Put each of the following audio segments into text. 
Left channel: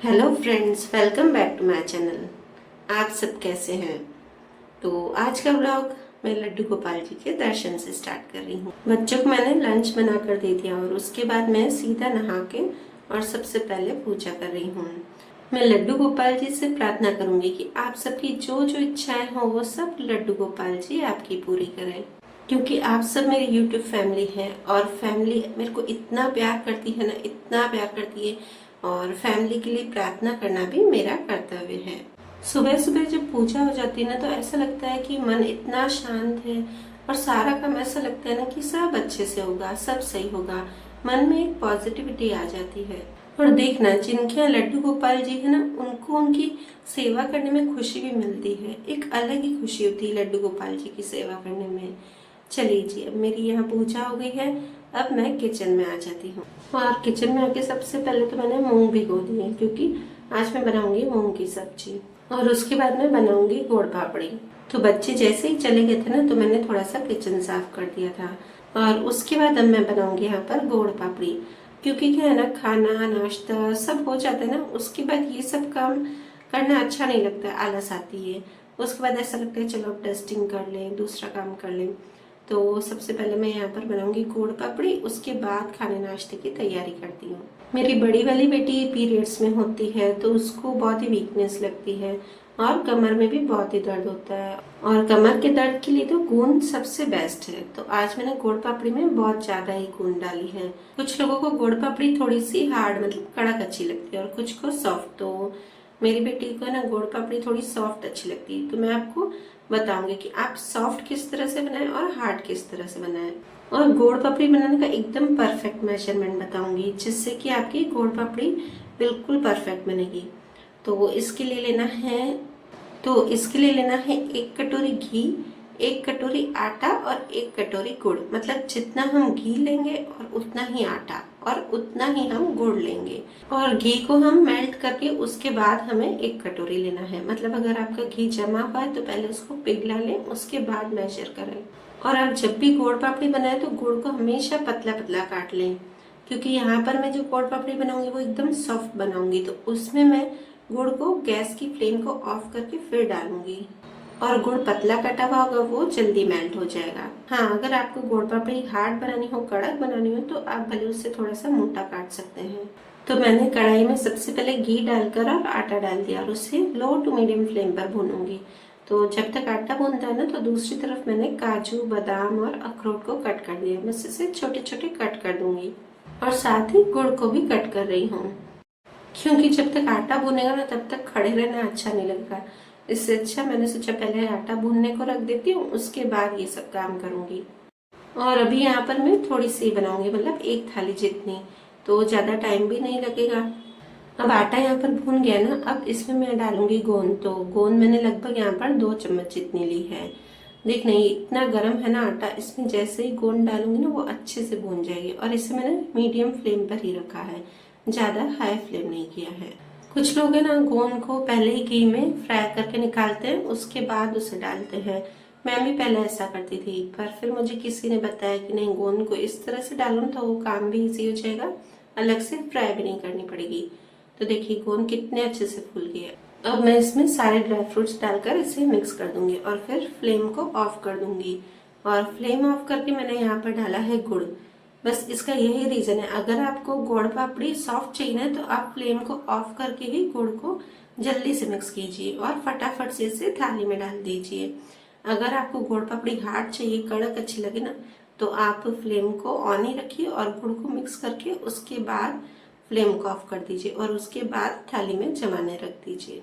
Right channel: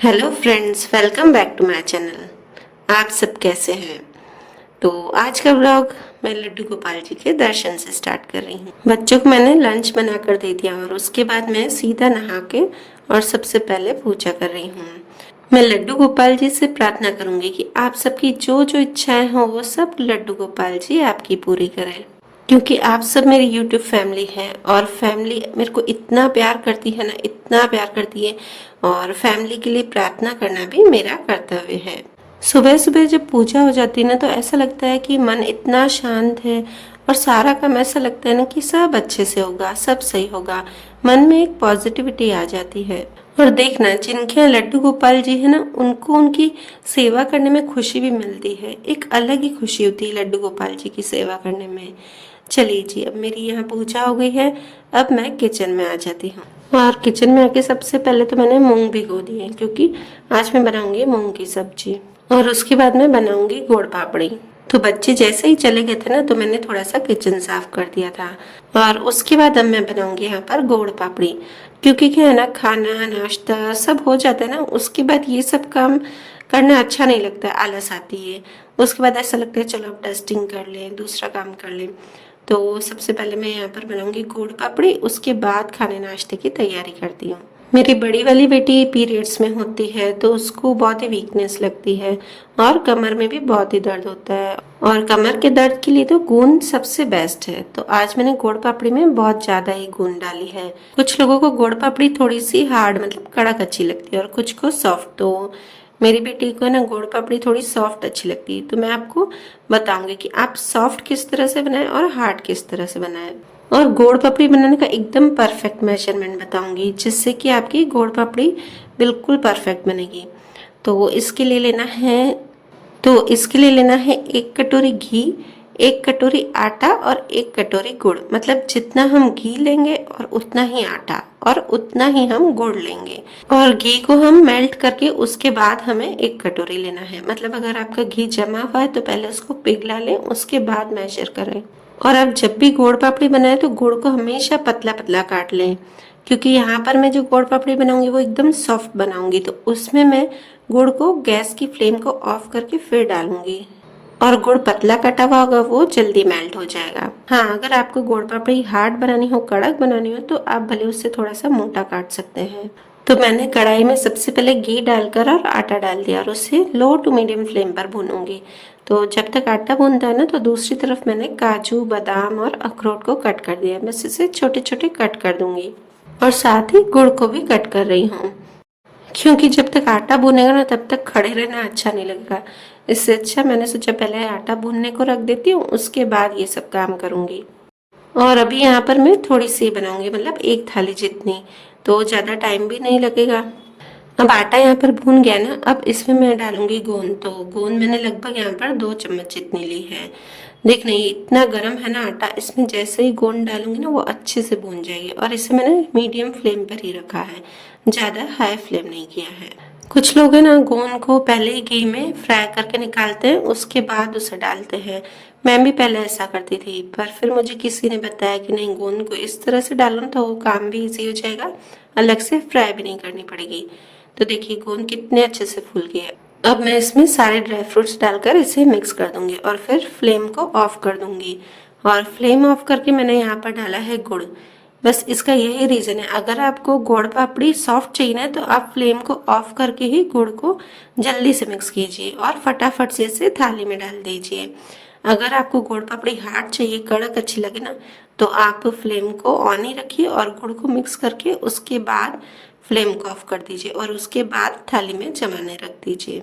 Hello friends, welcome back to my channel. आप सब कैसे हैं? तो आज का व्लॉग मैं लड्डू गोपाल जी के दर्शन से स्टार्ट कर रही हूँ। बच्चों को मैंने लंच बना कर दे दिया और उसके बाद मैं सीधा नहा के और सबसे पहले पूजा कर रही हूँ। मैं लड्डू गोपाल जी से प्रार्थना करूंगी कि आप सबकी जो जो इच्छाएं हो वो सब लड्डू गोपाल जी आपकी पूरी करें, क्योंकि आप सब मेरी यूट्यूब फैमिली है और फैमिली मेरे को इतना प्यार करती है ना, इतना प्यार करती है। और फैमिली के लिए प्रार्थना करना भी मेरा कर्तव्य है। सुबह सुबह जब पूजा हो जाती है ना, तो ऐसा लगता है कि मन इतना शांत है और सारा काम ऐसा लगता है ना कि सब अच्छे से होगा, सब सही होगा। मन में एक पॉजिटिविटी आ जाती है। और देखना, जिनके यहाँ लड्डू गोपाल जी है ना, उनको उनकी सेवा करने में खुशी भी मिलती है। एक अलग ही खुशी होती है लड्डू गोपाल जी की सेवा करने में। चलिए जी, अब मेरी यहाँ पूजा हो गई है। अब मैं किचन में आ जाती हूँ। और किचन में आके सबसे पहले तो मैंने मूंग भिगो दिए, क्योंकि आज मैं बनाऊंगी मूंग की सब्जी। और उसके बाद मैं बनाऊंगी गुड़ पापड़ी। तो बच्चे जैसे ही चले गए थे ना, तो मैंने थोड़ा सा किचन साफ कर दिया था। और उसके बाद अब मैं बनाऊंगी यहाँ पर गुड़ पापड़ी, क्योंकि क्या है ना, खाना नाश्ता सब हो जाता है ना, उसके बाद ये सब काम करना अच्छा नहीं लगता, आलस आती है। उसके बाद ऐसा लगता है चलो अब डस्टिंग कर लें, दूसरा काम कर लें। तो सबसे पहले मैं यहाँ पर बनाऊंगी गुड़ पापड़ी, उसके बाद खाने नाश्ते की तैयारी करती हूँ। मेरी बड़ी वाली बेटी पीरियड्स में होती है, तो उसको बहुत ही वीकनेस लगती है और कमर में भी बहुत ही दर्द होता है। और कमर के दर्द के लिए तो गूंद सबसे बेस्ट है। तो आज मैंने गुड़ पापड़ी में बहुत ज्यादा ही गूंद डाली है। कुछ लोगों को गुड़ पापड़ी थोड़ी सी हार्ड, मतलब कड़क अच्छी लगती है और कुछ को सॉफ्ट। तो मेरी बेटी को ना गुड़ पापड़ी थोड़ी सॉफ्ट अच्छी लगती है। तो मैं आपको बताऊंगी कि आप सॉफ्ट किस तरह से बनाएं और हार्ड किस तरह से बनाएं। और गोड़ पापड़ी बनाने का एकदम परफेक्ट मेजरमेंट बताऊंगी, जिससे कि आपकी गोड़ पापड़ी बिल्कुल परफेक्ट बनेगी। तो इसके लिए लेना है एक कटोरी घी, एक कटोरी आटा और एक कटोरी गुड़। मतलब जितना हम घी लेंगे और उतना ही आटा और उतना ही हम गुड़ लेंगे। और घी को हम मेल्ट करके उसके बाद हमें एक कटोरी लेना है। मतलब अगर आपका घी जमा हुआ है तो पहले उसको पिघला लें, उसके बाद मेजर करें। और आप जब भी गुड़ पापड़ी बनाए तो गुड़ को हमेशा पतला पतला काट लें, क्योंकि यहाँ पर मैं जो गुड़ पापड़ी बनाऊंगी वो एकदम सॉफ्ट बनाऊंगी। तो उसमें मैं गुड़ को गैस की फ्लेम को ऑफ करके फिर डालूंगी। और गुड़ पतला कटा हुआ होगा, वो जल्दी मेल्ट हो जाएगा। हाँ, अगर आपको गुड़ पापड़ी हार्ड बनानी हो, कड़क बनानी हो, तो आप भले उससे थोड़ा सा मोटा काट सकते हैं। तो मैंने कढ़ाई में सबसे पहले घी डालकर और आटा डाल दिया और उसे लो टू मीडियम फ्लेम पर भूनूंगी। तो जब तक आटा भूनता है ना, तो दूसरी तरफ मैंने काजू बादाम और अखरोट को कट कर दिया। बस इसे छोटे छोटे कट कर दूंगी और साथ ही गुड़ को भी कट कर रही हूँ, क्योंकि जब तक आटा भुनेगा ना, तब तक खड़े रहना अच्छा नहीं लगेगा। इससे अच्छा मैंने सोचा पहले आटा भूनने को रख देती हूँ, उसके बाद ये सब काम करूंगी। और अभी यहाँ पर मैं थोड़ी सी बनाऊंगी, मतलब एक थाली जितनी, तो ज़्यादा टाइम भी नहीं लगेगा। अब आटा यहाँ पर भून गया ना, अब इसमें मैं डालूंगी गोंद। तो गोंद मैंने लगभग यहाँ पर 2 चम्मच जितनी ली है। देख नहीं, इतना गर्म है ना आटा, इसमें जैसे ही गोंद डालूंगी ना, वो अच्छे से भून जाएगी। और इसे मैंने मीडियम फ्लेम पर ही रखा है, ज़्यादा हाई फ्लेम नहीं किया है। कुछ लोग है ना, गोंद को पहले ही घी में फ्राई करके निकालते हैं, उसके बाद उसे डालते हैं। मैं भी पहले ऐसा करती थी, पर फिर मुझे किसी ने बताया कि नहीं, गोंद को इस तरह से डालो तो वो काम भी इजी हो जाएगा, अलग से फ्राई भी नहीं करनी पड़ेगी। तो देखिए गोंद कितने अच्छे से फूल गए हैं। अब मैं इसमें सारे ड्राई फ्रूट्स डालकर इसे मिक्स कर दूंगी और फिर फ्लेम को ऑफ कर दूंगी। और फ्लेम ऑफ करके मैंने यहाँ पर डाला है गुड़। बस इसका यही रीज़न है, अगर आपको गुड़ पापड़ी सॉफ्ट चाहिए ना, तो आप फ्लेम को ऑफ करके ही गुड़ को जल्दी से मिक्स कीजिए और फटाफट से इसे थाली में डाल दीजिए। अगर आपको गुड़ पापड़ी हार्ड चाहिए, कड़क अच्छी लगे ना, तो आप फ्लेम को ऑन ही रखिए और गुड़ को मिक्स करके उसके बाद फ्लेम को ऑफ कर दीजिए और उसके बाद थाली में जमाने रख दीजिए।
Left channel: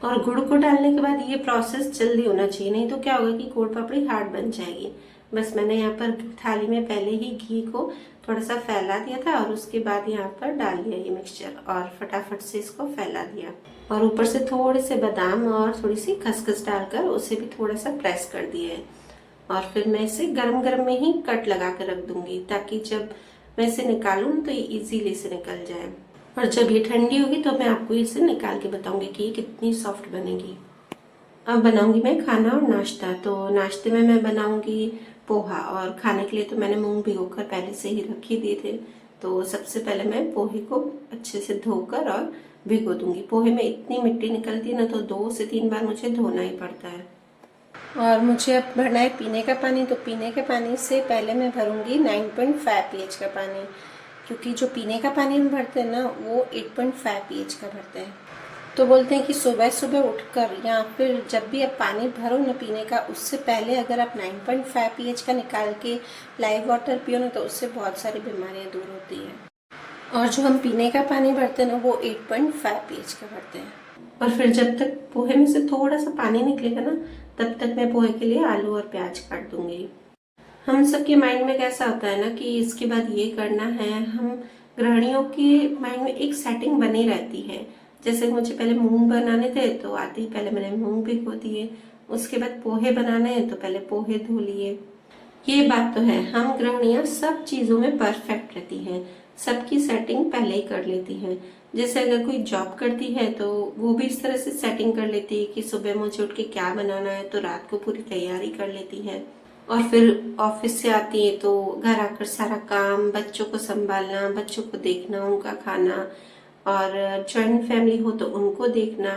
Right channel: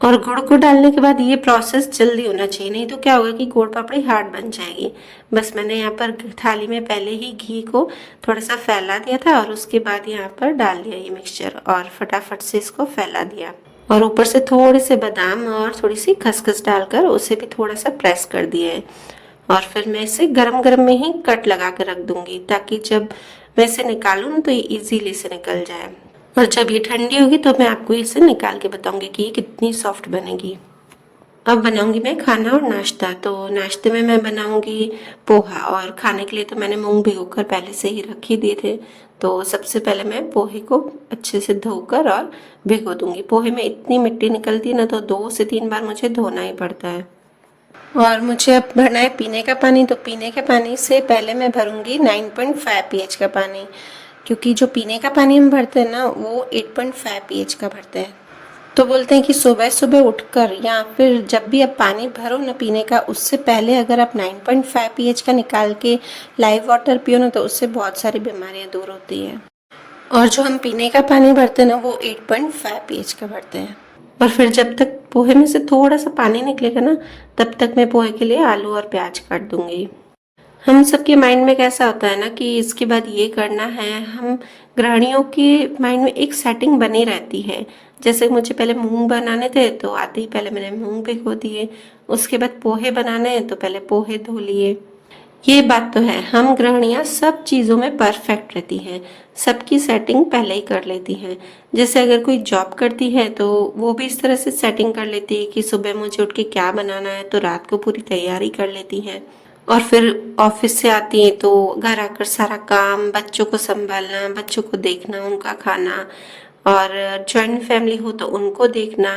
और गुड़ को डालने के बाद ये प्रोसेस जल्दी होना चाहिए, नहीं तो क्या होगा कि गुड़ पापड़ी हार्ड बन जाएगी। बस मैंने यहाँ पर थाली में पहले ही घी को थोड़ा सा फैला दिया था और उसके बाद यहाँ पर डाल दिया ये मिक्सचर और फटाफट से इसको फैला दिया। और ऊपर से थोड़े से बादाम और थोड़ी सी खसखस डालकर उसे भी थोड़ा सा प्रेस कर दिया है। और फिर मैं इसे गरम गरम में ही कट लगा कर रख दूंगी, ताकि जब मैं इसे निकालूँ तो ये इजीली से निकल जाए। और जब ये ठंडी होगी तो मैं आपको इसे निकाल के बताऊंगी कि ये कितनी सॉफ्ट बनेगी। अब बनाऊंगी मैं खाना और नाश्ता। तो नाश्ते में मैं बनाऊंगी पोहा, और खाने के लिए तो मैंने मूंग भिगोकर पहले से ही रख ही दिए थे। तो सबसे पहले मैं पोहे को अच्छे से धोकर और भिगो दूंगी। पोहे में इतनी मिट्टी निकलती है ना, तो 2 से 3 बार मुझे धोना ही पड़ता है। और मुझे अब भरना है पीने का पानी। तो पीने के पानी से पहले मैं भरूंगी 9.5 pH का पानी, क्योंकि जो पीने का पानी हम भरते हैं ना वो 8.5 pH का भरते हैं। तो बोलते हैं कि सुबह सुबह उठकर या फिर जब भी आप पानी भरो ना पीने का, उससे पहले अगर आप 9.5 pH का निकाल के लाइव वाटर पियो ना, तो उससे बहुत सारी बीमारियां दूर होती हैं। और जो हम पीने का पानी भरते हैं ना वो 8.5 pH का भरते हैं। और फिर जब तक पोहे में से थोड़ा सा पानी निकलेगा ना, तब तक मैं पोहे के लिए आलू और प्याज काट दूंगी। हम सबके माइंड में कैसा होता है ना कि इसके बाद ये करना है। हम गृहिणियों के माइंड में एक सेटिंग बनी रहती है। जैसे मुझे पहले मूंग बनाने थे, तो आते ही पहले मैंने मूंग भिगो दिए। उसके बाद पोहे बनाने हैं तो पहले पोहे धो लिए। ये बात तो है, हम गृहिणियाँ सब चीज़ों में परफेक्ट रहती हैं, सबकी सेटिंग पहले ही कर लेती हैं। जैसे अगर कोई जॉब करती है तो वो भी इस तरह से सेटिंग कर लेती है कि सुबह मुझे उठ के क्या बनाना है, तो रात को पूरी तैयारी कर लेती हैं। और फिर ऑफिस से आती हैं तो घर आकर सारा काम, बच्चों को संभालना, बच्चों को देखना, उनका खाना, और जॉइंट फैमिली हो तो उनको देखना।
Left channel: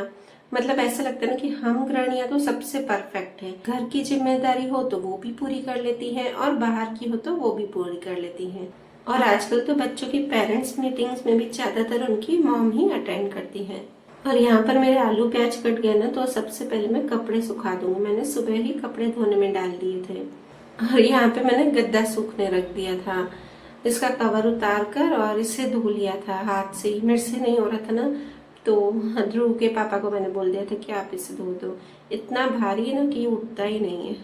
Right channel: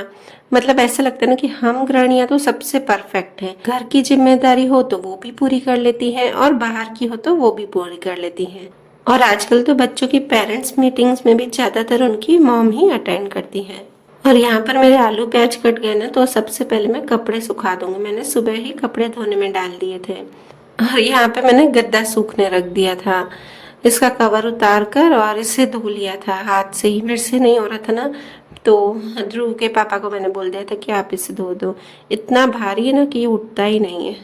मतलब ऐसा लगता है ना कि हम गृहिणियां तो सबसे परफेक्ट हैं। घर की जिम्मेदारी हो तो वो भी पूरी कर लेती हैं, और बाहर की हो तो वो भी पूरी कर लेती हैं। और आजकल तो बच्चों की पेरेंट्स मीटिंग्स में भी ज्यादातर उनकी मॉम ही अटेंड करती हैं। और यहाँ पर मेरे आलू प्याज कट गए ना, तो सबसे पहले मैं कपड़े सुखा दूंगी। मैंने सुबह ही कपड़े धोने में डाल दिए थे। और यहाँ पे मैंने गद्दा सूखने रख दिया था। इसका कवर उतार कर और इसे धो लिया था हाथ से ही, मेरे से नहीं हो रहा था ना। तो ध्रुव के पापा को मैंने बोल दिया था कि आप इसे धो दो। इतना भारी है ना कि ये उठता ही नहीं है।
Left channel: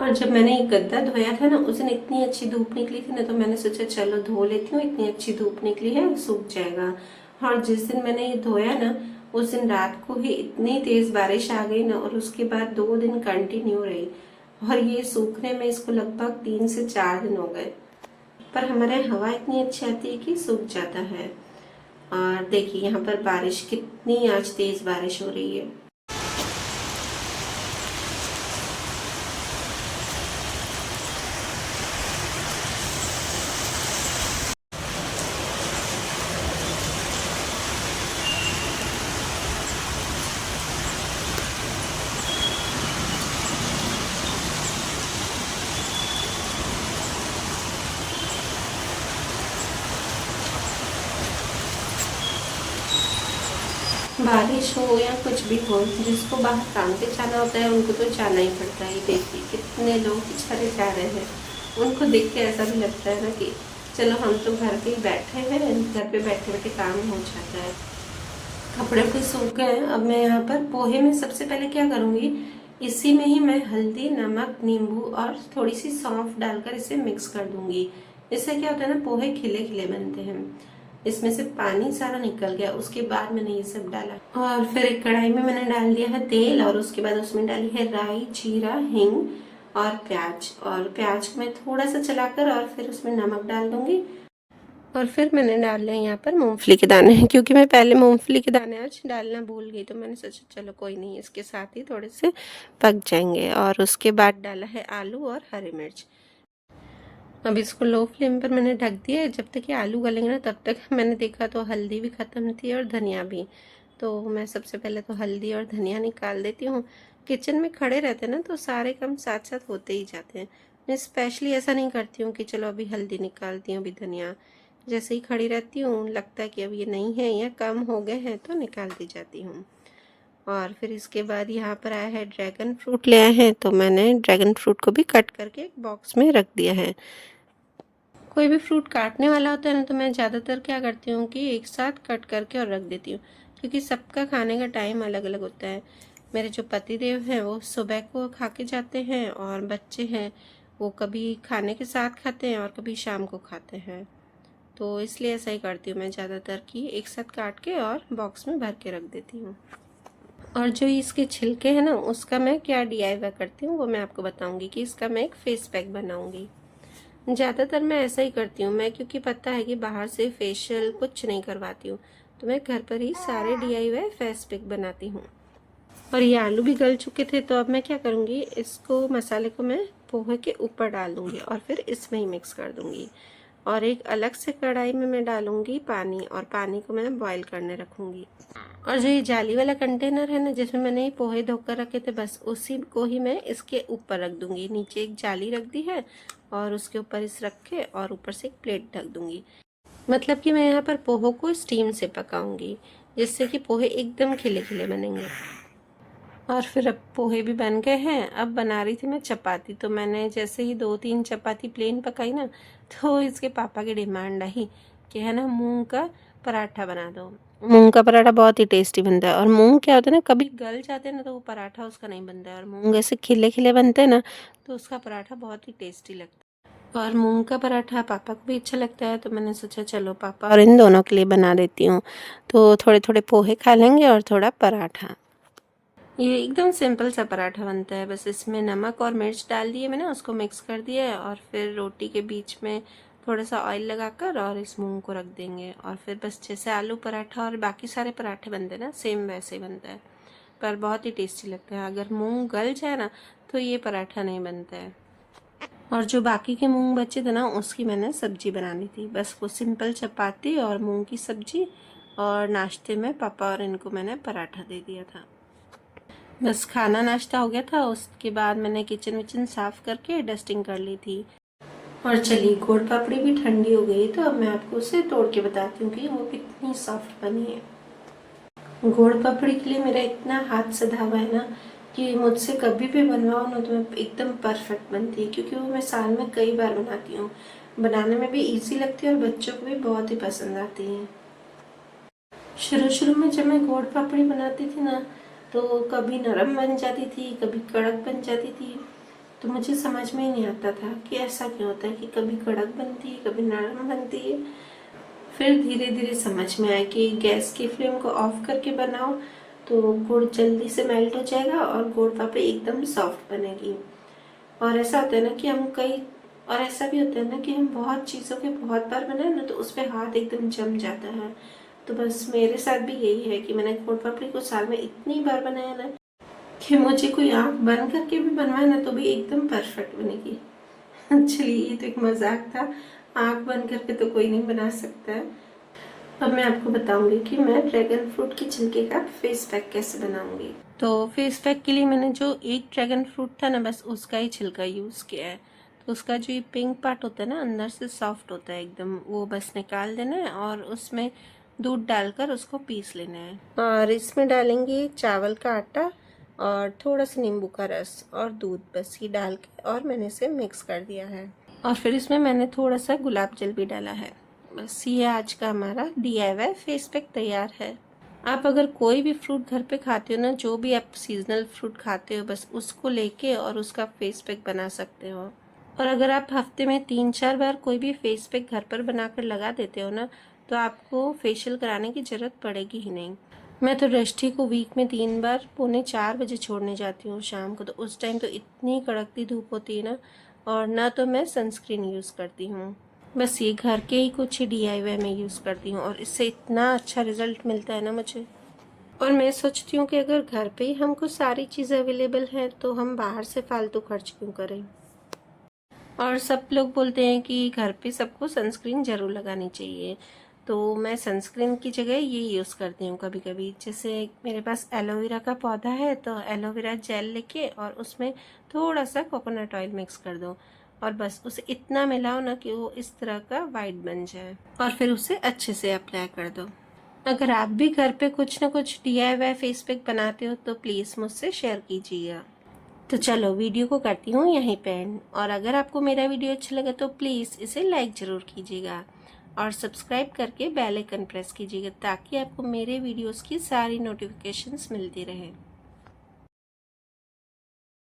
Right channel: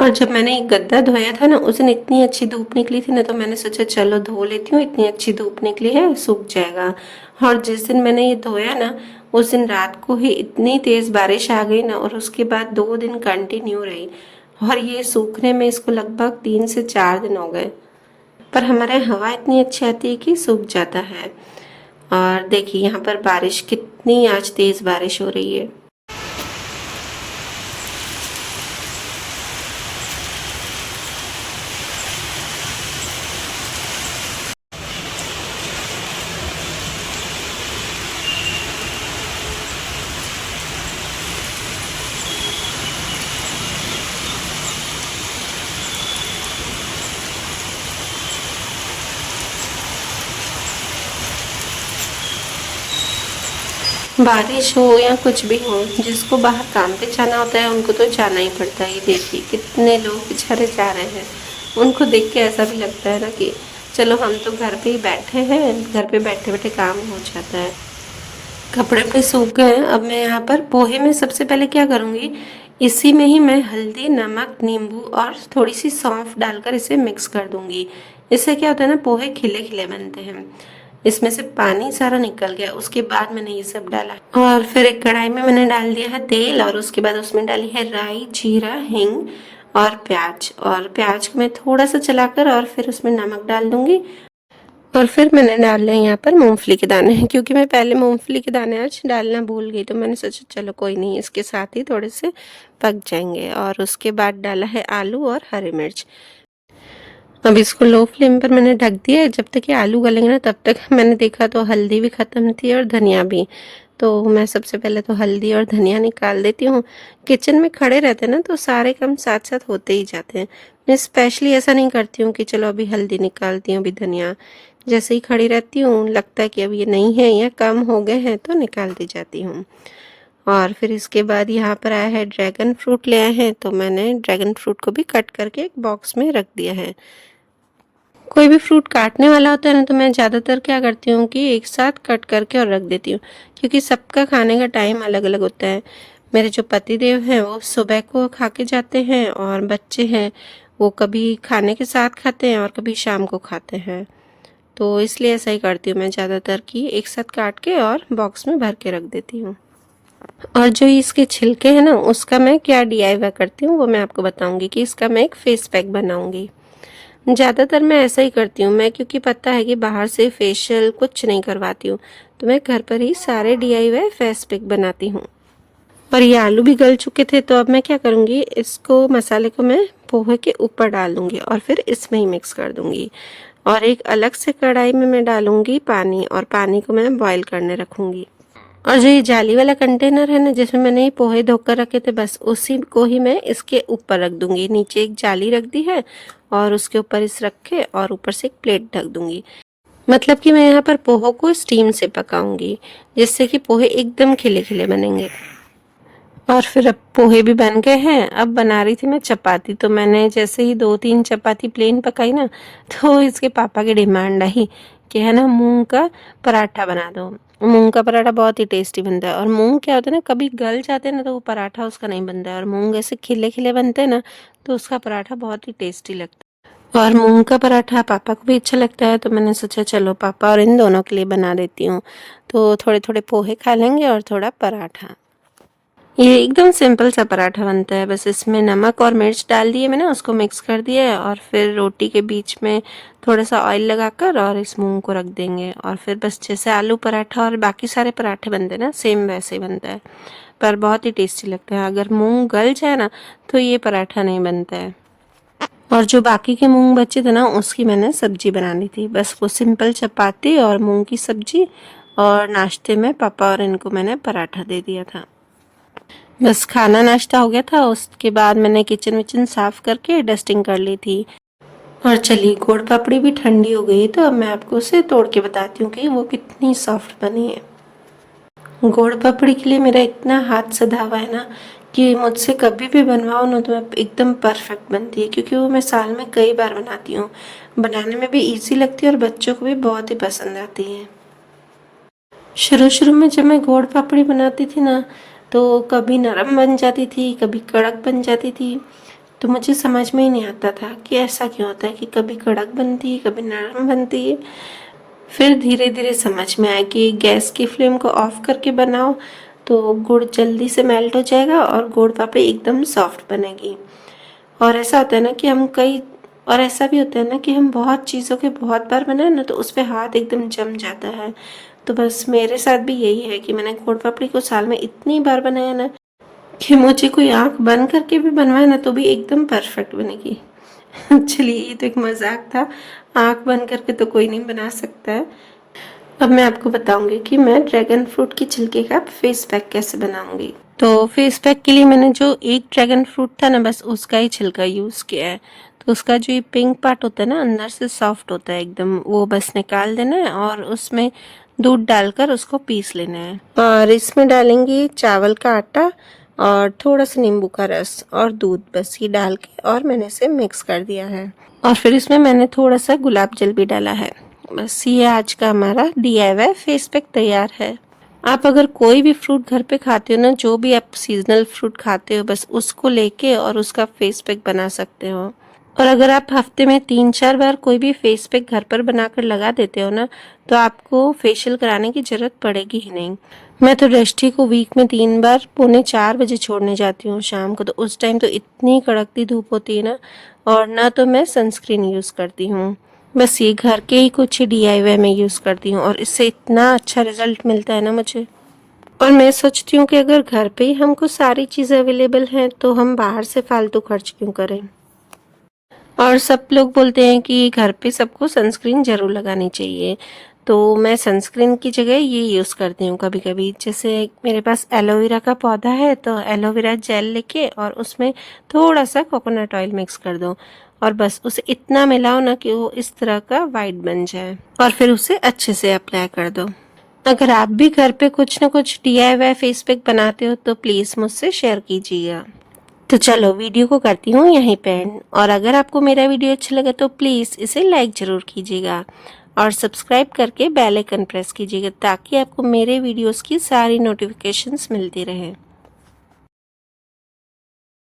और जब मैंने ये गद्दा धोया था ना, उस दिन इतनी अच्छी धूप निकली थी ना, तो मैंने सोचा चलो धो लेती हूँ, इतनी अच्छी धूप निकली है, सूख जाएगा। और जिस दिन मैंने ये धोया ना, उस दिन रात को ही इतनी तेज बारिश आ गई ना, और उसके बाद 2 दिन कंटिन्यू रही। और ये सूखने में इसको लगभग 3 से 4 दिन हो गए। पर हमारे यहाँ हवा इतनी अच्छी आती है कि सूख जाता है। और देखिए यहाँ पर बारिश, कितनी आज तेज बारिश हो रही है। बारिश हो या कुछ भी हो, जिसको बाहर काम पे जाना होता है उनको तो जाना ही पड़ता है। देखिए कितने लोग बेचारे जा रहे हैं। उनको देख के ऐसा भी लगता है ना कि चलो हम तो घर पे ही बैठे हैं, घर पे बैठे बैठे काम हो जाता है। कपड़े पे सूख गए। अब मैं यहाँ पर पोहे में सबसे पहले क्या करूँगी, इसी में ही मैं हल्दी, नमक, नींबू और थोड़ी सी सौंफ डालकर इसे मिक्स कर दूंगी। इससे क्या होता है ना, पोहे खिले खिले बनते हैं। इसमें से पानी सारा निकल गया। उसके बाद मैंने ये सब डाला, और फिर एक कढ़ाई में मैंने डाल दिया है तेल, और उसके बाद उसमें डाली है राई, जीरा, हींग और प्याज। और प्याज को मैं थोड़ा सा चलाकर और फिर उसमें नमक डाल दूंगी। और फिर मैंने डाल लिया यहाँ पर मूंगफली के दाने, क्योंकि मैं पहले मूंगफली के दाने आज डालना भूल गई, तो मैंने सोचा चलो कोई नहीं, इसके साथ ही थोड़े से पक जाएंगे। और उसके बाद डाला है आलू और हरी मिर्च। अब इसको लो फ्लेम पर मैंने ढक दिया है। जब तक ये आलू गलेंगे ना, तब तक मैंने देखा तो हल्दी भी ख़त्म थी और धनिया भी। तो मैं सबसे पहले तो हल्दी और धनिया निकाल देती हूँ। किचन में खड़े रहते हैं ना, तो सारे काम साथ साथ होते ही जाते हैं। मैं स्पेशली ऐसा नहीं करती हूँ कि चलो अभी हल्दी निकालती हूँ, अभी धनिया। जैसे ही खड़ी रहती हूँ, लगता है कि अब ये नहीं है या कम हो गए हैं, तो निकाल दी जाती हूँ। और फिर इसके बाद यहाँ पर आया है ड्रैगन फ्रूट ले आए हैं, तो मैंने ड्रैगन फ्रूट को भी कट करके एक बॉक्स में रख दिया है। कोई भी फ्रूट काटने वाला होता है ना, तो मैं ज़्यादातर क्या करती हूँ कि एक साथ कट करके और रख देती हूँ, क्योंकि सबका खाने का टाइम अलग अलग होता है। मेरे जो पति देव हैं वो सुबह को खा के जाते हैं, और बच्चे हैं वो कभी खाने के साथ खाते हैं और कभी शाम को खाते हैं। तो इसलिए ऐसा ही करती हूँ मैं ज़्यादातर, कि एक साथ काट के और बॉक्स में भर के रख देती हूँ। और जो इसके छिलके हैं ना, उसका मैं क्या DIY करती हूँ वो मैं आपको बताऊँगी, कि इसका मैं एक फेस पैक बनाऊँगी। ज़्यादातर मैं ऐसा ही करती हूँ मैं, क्योंकि पता है कि बाहर से फेशियल कुछ नहीं करवाती हूँ, तो मैं घर पर ही सारे DIY फेस पैक बनाती हूँ। और ये आलू भी गल चुके थे, तो अब मैं क्या करूँगी, इसको मसाले को मैं पोहे के ऊपर डाल दूँगी और फिर इसमें ही मिक्स कर दूँगी। और एक अलग से कढ़ाई में मैं डालूंगी पानी, और पानी को मैं बॉईल करने रखूंगी। और जो ये जाली वाला कंटेनर है ना, जिसमें मैंने ये पोहे धोकर रखे थे, बस उसी को ही मैं इसके ऊपर रख दूंगी। नीचे एक जाली रख दी है और उसके ऊपर इस रख के और ऊपर से एक प्लेट ढक दूंगी। मतलब कि मैं यहाँ पर पोहों को स्टीम से पकाऊंगी, जिससे कि पोहे एकदम खिले खिले बनेंगे। और फिर अब पोहे भी बन गए हैं। अब बना रही थी मैं चपाती, तो मैंने जैसे ही 2-3 चपाती प्लेन पकाई ना, तो इसके पापा की डिमांड आई कि है ना मूंग का पराठा बना दो। मूंग का पराठा बहुत ही टेस्टी बनता है, और मूंग क्या होता है ना, कभी गल जाते हैं ना तो वो पराठा उसका नहीं बनता है, और मूंग ऐसे खिले खिले बनते हैं ना तो उसका पराठा बहुत ही टेस्टी लगता है। और मूंग का पराठा पापा को भी अच्छा लगता है, तो मैंने सोचा चलो पापा और इन दोनों के लिए बना देती हूँ। तो थोड़े थोड़े पोहे खा लेंगे और थोड़ा पराठा। ये एकदम सिंपल सा पराठा बनता है, बस इसमें नमक और मिर्च डाल दिए मैंने, उसको मिक्स कर दिया है, और फिर रोटी के बीच में थोड़ा सा ऑयल लगाकर और इस मूंग को रख देंगे, और फिर बस जैसे आलू पराठा और बाकी सारे पराठे बनते हैं ना, सेम वैसे ही बनता है, पर बहुत ही टेस्टी लगता है। अगर मूंग गल जाए ना तो ये पराठा नहीं बनता है। और जो बाकी के मूंग बचे थे ना, उसकी मैंने सब्जी बनानी थी, बस वो सिंपल चपाती और मूंग की सब्जी, और नाश्ते में पापा और इनको मैंने पराठा दे दिया था। बस खाना नाश्ता हो गया था, उसके बाद मैंने किचन विचन साफ करके डस्टिंग कर ली थी। और चलिए, गुड़ पापड़ी भी ठंडी हो गई, तो अब मैं आपको उसे तोड़ के बताती हूँ कि वो कितनी सॉफ्ट बनी है। गुड़ पापड़ी के लिए मेरा इतना हाथ सधा हुआ है ना कि मुझसे कभी भी बनवाओ ना तो मैं एकदम परफेक्ट बनती है, क्योंकि वो मैं साल में कई बार बनाती हूँ। बनाने में भी इजी लगती है और बच्चों को भी बहुत ही पसंद आती है। शुरू शुरू में जब मैं गुड़ पापड़ी बनाती थी ना, तो कभी नरम बन जाती थी, कभी कड़क बन जाती थी। तो मुझे समझ में ही नहीं आता था कि ऐसा क्यों होता है कि कभी कड़क बनती है, कभी नरम बनती है। फिर धीरे धीरे समझ में आया कि गैस की फ्लेम को ऑफ करके बनाओ तो गुड़ जल्दी से मेल्ट हो जाएगा और गुड़ पापड़ी एकदम सॉफ्ट बनेगी। और ऐसा होता है ना कि हम कई और ऐसा भी होता है ना कि हम बहुत चीज़ों के बहुत बार बनाए ना तो उस पर हाथ एकदम जम जाता है। तो बस मेरे साथ भी यही है कि मैंने गुड़ पापड़ी को साल में इतनी बार बनाया ना कि मुझे कोई आंख बंद करके भी बनवाए ना तो भी एकदम परफेक्ट बनेगी। चलिए, ये तो एक मजाक था। आंख बंद करके तो कोई नहीं बना सकता है। अब मैं आपको बताऊंगी कि मैं ड्रैगन फ्रूट की छिलके का फेस पैक कैसे बनाऊंगी। तो फेस पैक के लिए मैंने जो एक ड्रैगन फ्रूट था ना, बस उसका ही छिलका यूज किया है। तो उसका जो ये पिंक पार्ट होता है ना, अंदर से सॉफ्ट होता है एकदम, वो बस निकाल देना है और उसमें दूध डालकर उसको पीस लेना है। और इसमें डालेंगे चावल का आटा और थोड़ा सा नींबू का रस और दूध, बस ये डाल के और मैंने इसे मिक्स कर दिया है। और फिर इसमें मैंने थोड़ा सा गुलाब जल भी डाला है। बस ये आज का हमारा DIY फेस पैक तैयार है। आप अगर कोई भी फ्रूट घर पे खाते हो ना, जो भी आप सीजनल फ्रूट खाते हो, बस उसको लेके और उसका फेस पैक बना सकते हो। और अगर आप हफ्ते में 3-4 बार कोई भी फेस पैक घर पर बनाकर लगा देते हो ना, तो आपको फेशियल कराने की जरूरत पड़ेगी ही नहीं। मैं तो दृष्टि को वीक में 3 बार 3:45 छोड़ने जाती हूँ शाम को, तो उस टाइम तो इतनी कड़कती धूप होती है ना, और ना तो मैं सनस्क्रीन यूज़ करती हूँ। बस ये घर के ही कुछ DIY में यूज़ करती हूँ और इससे इतना अच्छा रिजल्ट मिलता है ना मुझे। और मैं सोचती हूँ कि अगर घर पे ही हमको सारी चीज़ें अवेलेबल हैं तो हम बाहर से फालतू खर्च क्यों करें। और सब लोग बोलते हैं कि घर पे सबको सनस्क्रीन ज़रूर लगानी चाहिए, तो मैं सनस्क्रीन की जगह ये यूज़ करती हूँ कभी कभी। जैसे मेरे पास एलोवेरा का पौधा है, तो एलोवेरा जेल लेके और उसमें थोड़ा सा कोकोनट ऑयल मिक्स कर दो, और बस उसे इतना मिलाओ ना कि वो इस तरह का वाइट बन जाए, और फिर उसे अच्छे से अप्लाई कर दो। अगर आप भी घर पे कुछ ना कुछ DIY फेस पैक बनाते हो तो प्लीज़ मुझसे शेयर कीजिएगा। तो चलो, वीडियो को करती हूँ यहीं पे एंड। और अगर आपको मेरा वीडियो अच्छा लगा तो प्लीज़ इसे लाइक ज़रूर कीजिएगा और सब्सक्राइब करके बेल आइकन प्रेस कीजिएगा, ताकि आपको मेरे वीडियोस की सारी नोटिफिकेशंस मिलती रहे।